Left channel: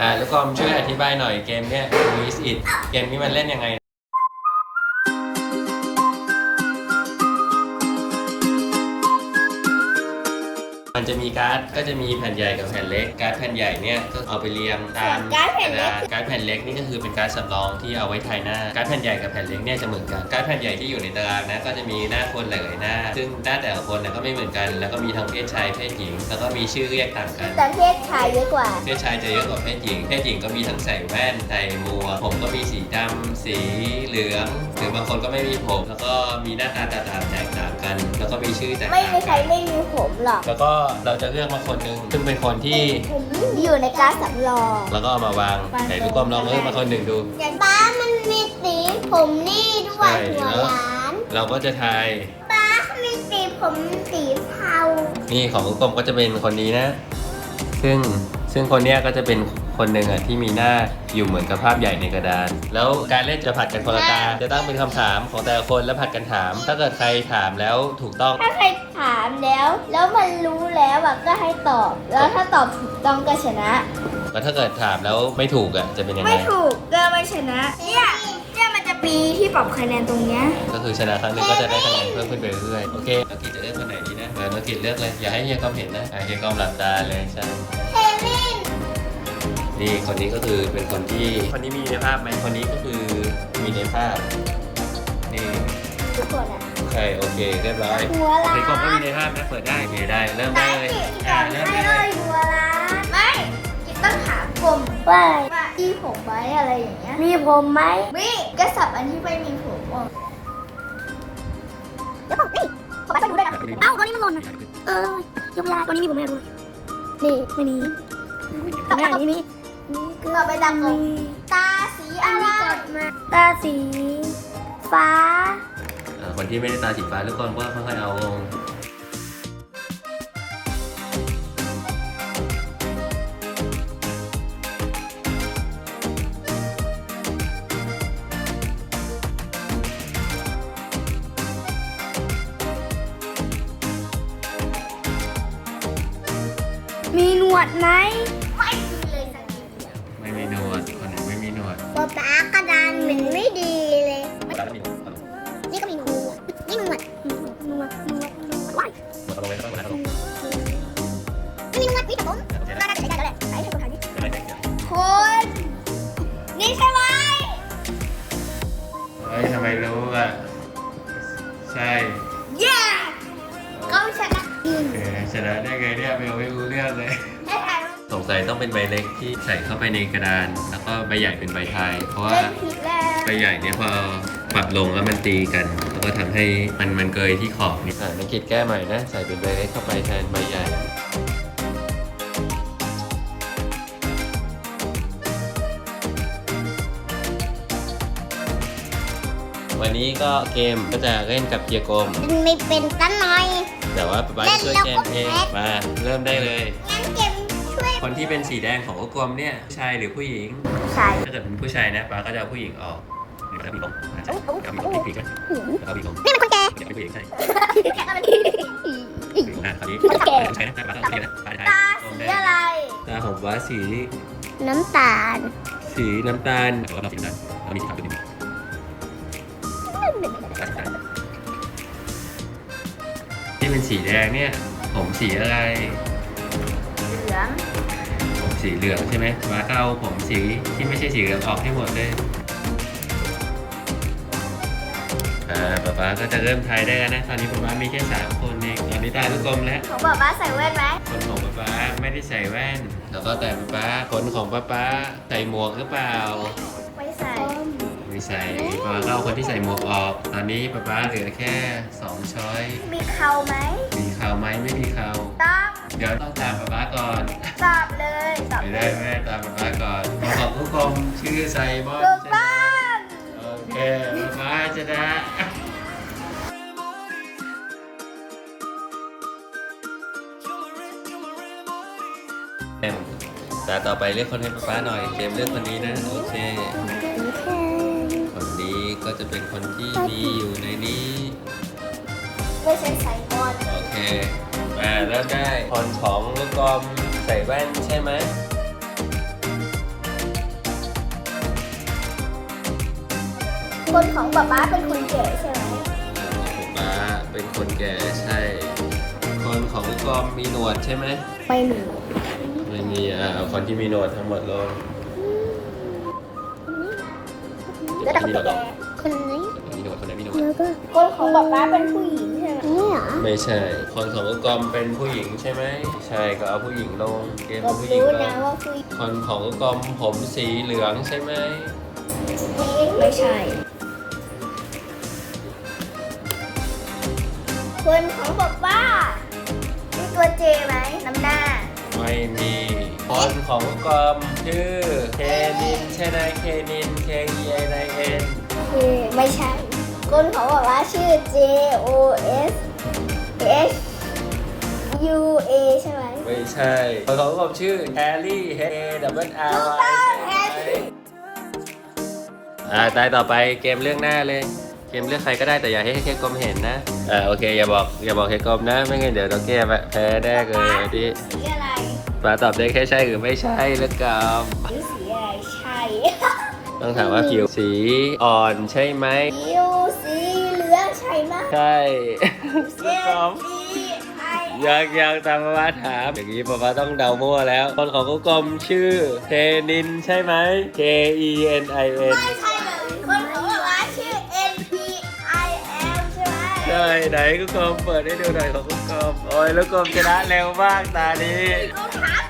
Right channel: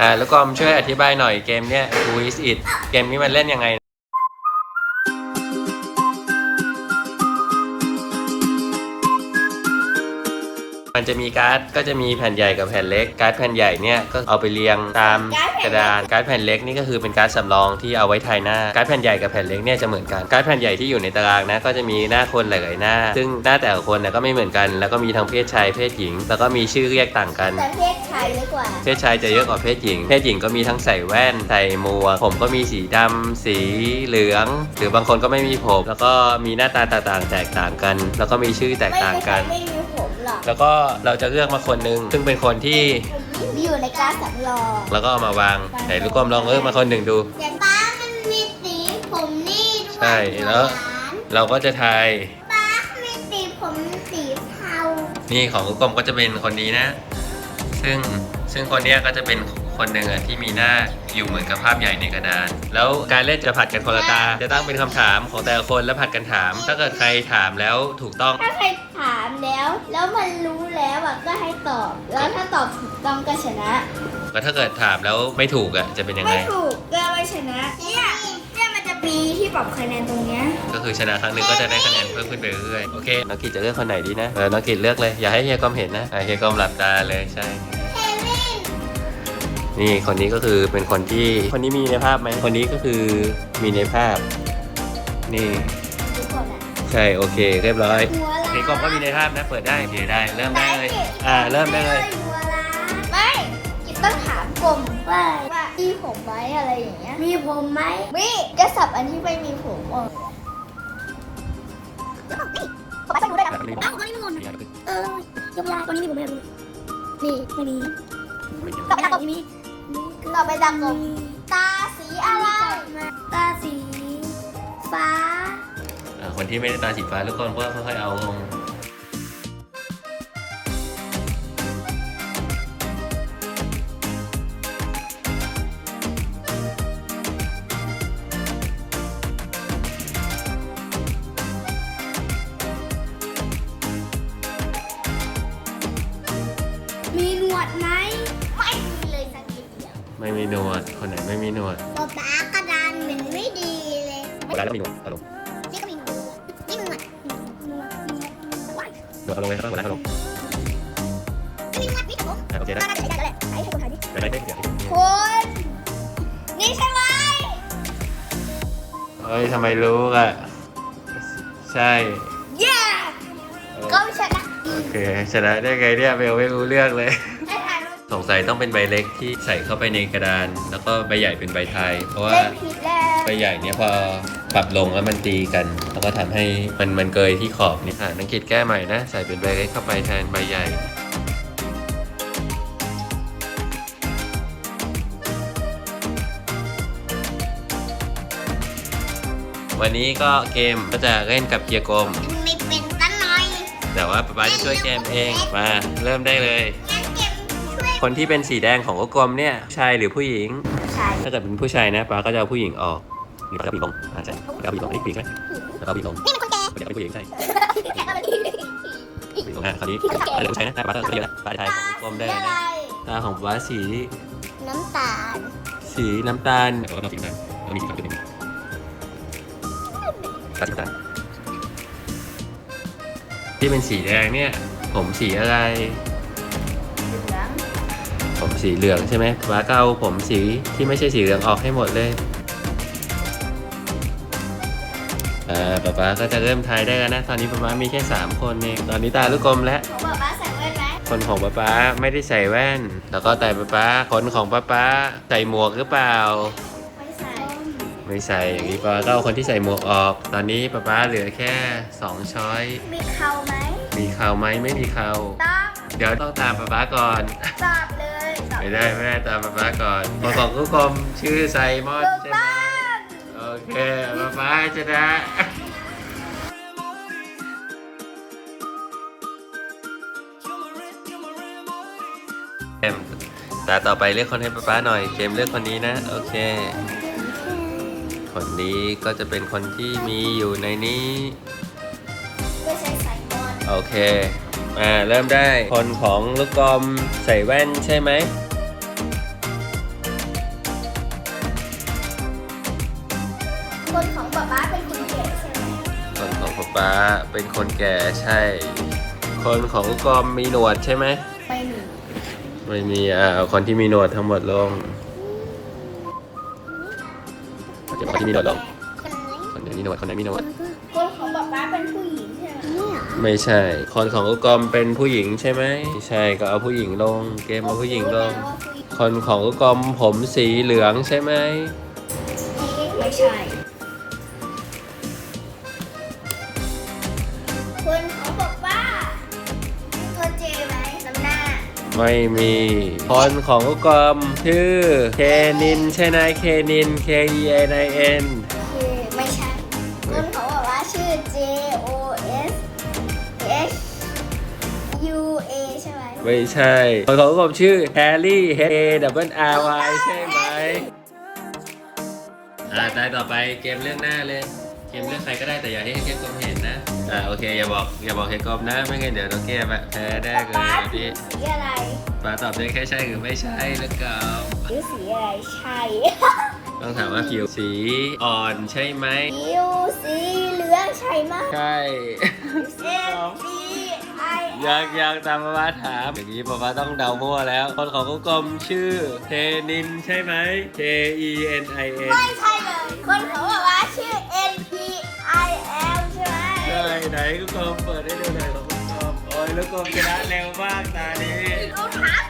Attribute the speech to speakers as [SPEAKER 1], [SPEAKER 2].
[SPEAKER 1] อ่าลูกกอมช่วยอธิบายหน่อยเกมเนี้ย Who is it เกมนี้มันเล่นยังไง มันจะมีการ์ดก็จะมีแผ่นใหญ่กับแผ่นเล็ก การ์ดแผ่นใหญ่เนี่ยก็เอาไปเรียงตามกระดานการ์ดแผ่นเล็กนี่ก็คือเป็นการ์ดสำรองที่เอาไว้ทายหน้า การ์ดแผ่นใหญ่กับแผ่นเล็กเนี่ยจะเหมือนกัน การ์ดแผ่นใหญ่ที่อยู่ในตารางนะก็จะมีหน้าคนหลายๆหน้า ซึ่งหน้าแต่ละคนเนี่ยก็ไม่เหมือนกัน แล้วก็มีทั้งเพศชายเพศหญิง แล้วก็มีชื่อเรียกต่างกัน
[SPEAKER 2] แต่เพศชายเยอะกว่า
[SPEAKER 1] เพศชายจะเยอะกว่าเพศหญิง เพศหญิงก็มีทั้งใส่แว่นใส่หมวกผมก็มีสีดำสีเหลือง หรือบางคนก็ไม่มีผม แล้วก็มีหน้าตาต่างๆแตกต่างกัน แล้วก็มีชื่อแตก
[SPEAKER 2] ไม่
[SPEAKER 1] ต่าง
[SPEAKER 2] มีใคร
[SPEAKER 1] กัน
[SPEAKER 2] ไม่มีผมหรอก
[SPEAKER 1] แล้วก็เราจะเลือกมาคนหนึ่งซึ่งเป็นคนที่
[SPEAKER 2] อยู่ในการดสำรอง
[SPEAKER 1] แล้วก็เอามาวางไหนลูกกลมลองเลือกมาคนหนึ่งดู
[SPEAKER 2] อย่างป้ามันมีสีผมนี่ด้วย
[SPEAKER 1] ใช่แล้ว เราก็จะทาย
[SPEAKER 2] ป้ามีสีผมสีเทา
[SPEAKER 1] นี่ของลูกกลมก็จะเป็นคนนี้นะ ซึ่ง ซึ่งคนเนี้ยก็จะเป็นคนหนึ่งอะที่มีหน้าอยู่เหมือนกับภาพใหญ่ในกระดาน แล้วการเล่นจะผัดกันคนละตา จะตั้งเป็นคำถามของแต่ละคนแล้วผัดกันถาม ถ้าเกิดใครถามแล้วถูกต้อง
[SPEAKER 2] ถ้าใครถามแล้ว แล้วมันรู้แล้วอะก็ให้ตอบ แล้วถ้าตอบถูกต้องก็ชนะ
[SPEAKER 1] แล้วถ้าเกิดถามแล้วไม่ถูกอะจะเป็นยังไง
[SPEAKER 2] ไม่ถูกก็ไม่ชนะเนี่ยเนี่ยมันจะมีที่ปรับคะแนนตรงเนี้ย
[SPEAKER 1] ก็คือชนะครั้งหนึ่งก็จะได้คะแนนเพิ่มขึ้นไปเรื่อยๆ โอเค น้องกิจจะเลือกคนไหนดีนะ เออ น้องกิจเลือกเลย อย่าให้เฮียกอมเห็นนะอะเฮียกอมหลับตาเลย ใช่
[SPEAKER 2] เควิน
[SPEAKER 1] นี่คนนี้ก็คือเป็นคนที่คนนี้มีในภาพไหมคนนี้ก็คือมีในภาพ นี่
[SPEAKER 2] ทุกคนอะ
[SPEAKER 1] ใช่โอเค เรียบร้อย
[SPEAKER 2] หัวล้าน
[SPEAKER 1] เฮียกอมก็มีในภาพนะเปิดได้โอเคได้เริ่มได้เลยอ่าเริ่มได้เลย
[SPEAKER 2] หัวล้านไม่กินต้องถามกลมว่ามีผมไหมอะไรอย่างเงี้ยมีผมไหมมีจะสับอันที่ไม่มีผมออกเดี๋ยวบอกนี่ผมไม่รู้ได้นะเอ้าตอนนี้มันหล่นอะเออยกเวลาตอนนี้มีผมไม่รู้นี่ไม่มีต่อไป ตรงนี้ต่อไปตามกลมตาสีอะไร ตาสี ฟ้า
[SPEAKER 1] อ่าคนที่ไม่ได้ตาสีฟ้าทุกคนก็ค่อยๆเอาลง
[SPEAKER 2] มีหนวดไหมไม่มี
[SPEAKER 1] ไม่มีหนวด คนไหนไม่มีหนวด
[SPEAKER 2] ป๊าป๊ากระดานเหมือนไม่ดีเลย
[SPEAKER 1] แล้วมีหนวด
[SPEAKER 2] นี่ก็มีหนวดนี่หนวดหนวดหนวดหนวดว้าย
[SPEAKER 1] หนวดเอาลงเลยข้างหลังเอาลง
[SPEAKER 2] มีหนวดมีผม
[SPEAKER 1] โอเคได้
[SPEAKER 2] น่าจะใช้ได้แล้วแหละไหนให้คนถ่ายดิ
[SPEAKER 1] ได้ได้ได้
[SPEAKER 2] คนนี่ใช่ไหม
[SPEAKER 1] เฮ้ยทำไมรู้อะ ใช่
[SPEAKER 2] เย้ก็ชนะ
[SPEAKER 1] โอเคชนะได้ไงเนี่ยเบลไม่รู้เรื่องเลย
[SPEAKER 2] ให้ถ่ายรูป
[SPEAKER 1] สงสัยต้องเป็นใบเล็กที่ใส่เข้าไปในกระดาน แล้วก็ใบใหญ่เป็นใบไทย เพราะว่า
[SPEAKER 2] เล่นผิดแล้ว
[SPEAKER 1] ใบใหญ่เนี่ยพอปรับลงแล้วมันตีกัน แล้วก็ทำให้มันมันเกยที่ขอบนี่อ่านังคิดแก้ใหม่นะ ใส่เป็นใบเล็กเข้าไปแทนใบใหญ่วันนี้ก็เกมก็จะเล่นกับเกียร์กลม
[SPEAKER 2] มันไม่เป็นตั้งน้อย
[SPEAKER 1] แต่ว่าป๊าป๊าจะช่วยแกมเอง มาเริ่มได้เลย
[SPEAKER 2] งั้นเกมช่วย
[SPEAKER 1] คนที่เป็นสีแดงของลูกกลมเนี่ยผู้ชายหรือผู้หญิง
[SPEAKER 2] ใช่
[SPEAKER 1] ถ้าเกิดเป็นผู้ชายนะป๊าก็จะเอาผู้หญิงออกหรือป๊าจะเอาผู้หญิงลงอ่าใช่เอาผู้หญิงลงให้ปีกนะแล้วก็เอาผู้หญิงลง
[SPEAKER 2] นี่มันคนแก่
[SPEAKER 1] เดี๋ยวเป็นผู้หญิงใช่
[SPEAKER 2] อะไรนี่
[SPEAKER 1] ผู้หญิงลงอะคราวนี้เป็นผู้ชายนะป๊าต้องเรียนนะป๊าจะทาย
[SPEAKER 2] ตา
[SPEAKER 1] กลมแด
[SPEAKER 2] สี
[SPEAKER 1] ง
[SPEAKER 2] อะไร
[SPEAKER 1] ตาของป๊าสี
[SPEAKER 2] น้ำตาล
[SPEAKER 1] สีน้ำตาลแต่ว่าเราสีน้ำตาลเรามีสีขาวด้วยนี่ตัดกันที่เป็นสีแดงเนี่ย ผมสีอะไร
[SPEAKER 2] เหลือง
[SPEAKER 1] ผม สีเหลืองใช่ไหมป๊าก็เอาผมสีที่ไม่ใช่สีเหลืองออกให้หมดเลยอ่าป๊าป๊าก็จะเริ่มทายได้แล้วนะ ตอนนี้ป๊าป๊ามีแค่ 3 คนเอง ตอนนี้ตาลูกกลมแล้ว
[SPEAKER 2] ของป๊าป๊าใส่แว่นไหม
[SPEAKER 1] คนของป๊าป๊าไม่ได้ใส่แว่น แล้วก็แต่ป๊าป๊าคนของป๊าป๊าใส่หมวกหรือเปล่า
[SPEAKER 2] ไม่ใส่
[SPEAKER 1] ไม่ใส่ อย่างนี้ป๊าก็เอาคนที่ใส่หมวกออก ตอนนี้ป๊าป๊าเหลือแค่ 2 ช้อย
[SPEAKER 2] มีเขาไหม
[SPEAKER 1] มีเข่าไหมไม่มีเข่า
[SPEAKER 2] ต้อง
[SPEAKER 1] เดี๋ยวต้องตามป๊าป๊าก่อน
[SPEAKER 2] ตอบเลยตอบ
[SPEAKER 1] ไม่ได้แม่ตามป๊าป๊าก่อนคนของลูกกลมชื่อไซมอน
[SPEAKER 2] ถูก
[SPEAKER 1] ใช่ไหม
[SPEAKER 2] ต้อง
[SPEAKER 1] โอเคป๊าป๊าชนะเกมตาต่อไปเลือกคนให้ป๊าป๊าหน่อยเกมเลือกคนนี้นะโอเค คนนี้ก็จะเป็นคนที่มีอยู่ในนี้
[SPEAKER 2] ไม่ใช่ไซมอน
[SPEAKER 1] โอเค อ่า เริ่มได้ คนของลูกกลมใส่แว่นใช่ไหม
[SPEAKER 2] คนของป๊าป๊าเป็นคนแก่ใช่ไหม
[SPEAKER 1] คนของป๊าป๊าเป็นคนแก่ใช่ คนของลูกกลมมีหนวดใช่ไหม
[SPEAKER 2] ไม่มี
[SPEAKER 1] ไม่มี อ่าเอาคนที่มีหนวดทั้งหมดรวม
[SPEAKER 2] แล้วแต่คนแก่เนไหม
[SPEAKER 1] คนไหนมีหนวดคนไหนมีหนวด
[SPEAKER 2] แล้วก็คนของป๊าป๊าเป็นผู้หญิงใช่ไหมเนี่ย
[SPEAKER 1] ไม่ใช่ คนของกอมเป็นผู้หญิงใช่ไหมไม่ใช่ก็เอาผู้หญิงลง เกม
[SPEAKER 2] ผ
[SPEAKER 1] เอา
[SPEAKER 2] ม
[SPEAKER 1] ผู้หญิง
[SPEAKER 2] รู้
[SPEAKER 1] ล
[SPEAKER 2] นะ
[SPEAKER 1] ง
[SPEAKER 2] ว่าผู้หญิง
[SPEAKER 1] คนของกอมผมสีเหลืองใช่ไหม
[SPEAKER 2] ไม่ใช่ คนของป๊าป๊ามีตัวเจไหมน้ำหน้า
[SPEAKER 1] ไม่มี คนของกอมชื่อเคนินใช่ไหมเคนิน K E N I N
[SPEAKER 2] คือไม่ใช่คนของป๊าป๊าชื่อ J O S H U A ใช่ไหม
[SPEAKER 1] ไม่ใช่คนของกอมชื่อแฮร์รี่ H A W R Y ใช่ไหมอ่าตายต่อไปเกมเรื่องหน้าเลย เกมเลือกใครก็ได้แต่อย่าให้แค่กอมเห็นนะ อ่าโอเค อย่าบอกอย่าบอกให้กอมนะ ไม่งั้นเดี๋ยวเราแก้แพ้แน่เลยวันนี้
[SPEAKER 2] สีอะไร
[SPEAKER 1] ปลาตอบได้แค่ใช่หรือไม่ใช่แล้วกอม
[SPEAKER 2] หรือสีอะไรใช่
[SPEAKER 1] ต้องถามว่าผิวสีอ่อนใช่ไหม
[SPEAKER 2] ผิวสีเหลืองใช่ไหม
[SPEAKER 1] ใช่
[SPEAKER 2] เอ็นซีไอ
[SPEAKER 1] ยังยังตามมาว่าถามอย่างนี้ป๊าป๊าต้องเดามั่วแล้ว คนของกุ๊กกลมชื่อเทนินใช่ไหม K E N I N
[SPEAKER 2] ไม่ใช่เลยคนของป๊าป๊าชื่อ N P I L ใช่ไหม
[SPEAKER 1] ใช่ไหนกุ๊กกลมเปิดให้ดูหน่อยของกุ๊กกลมโอ้ยแล้วกลมชนะเร็วมากตานี้
[SPEAKER 2] รองเท้า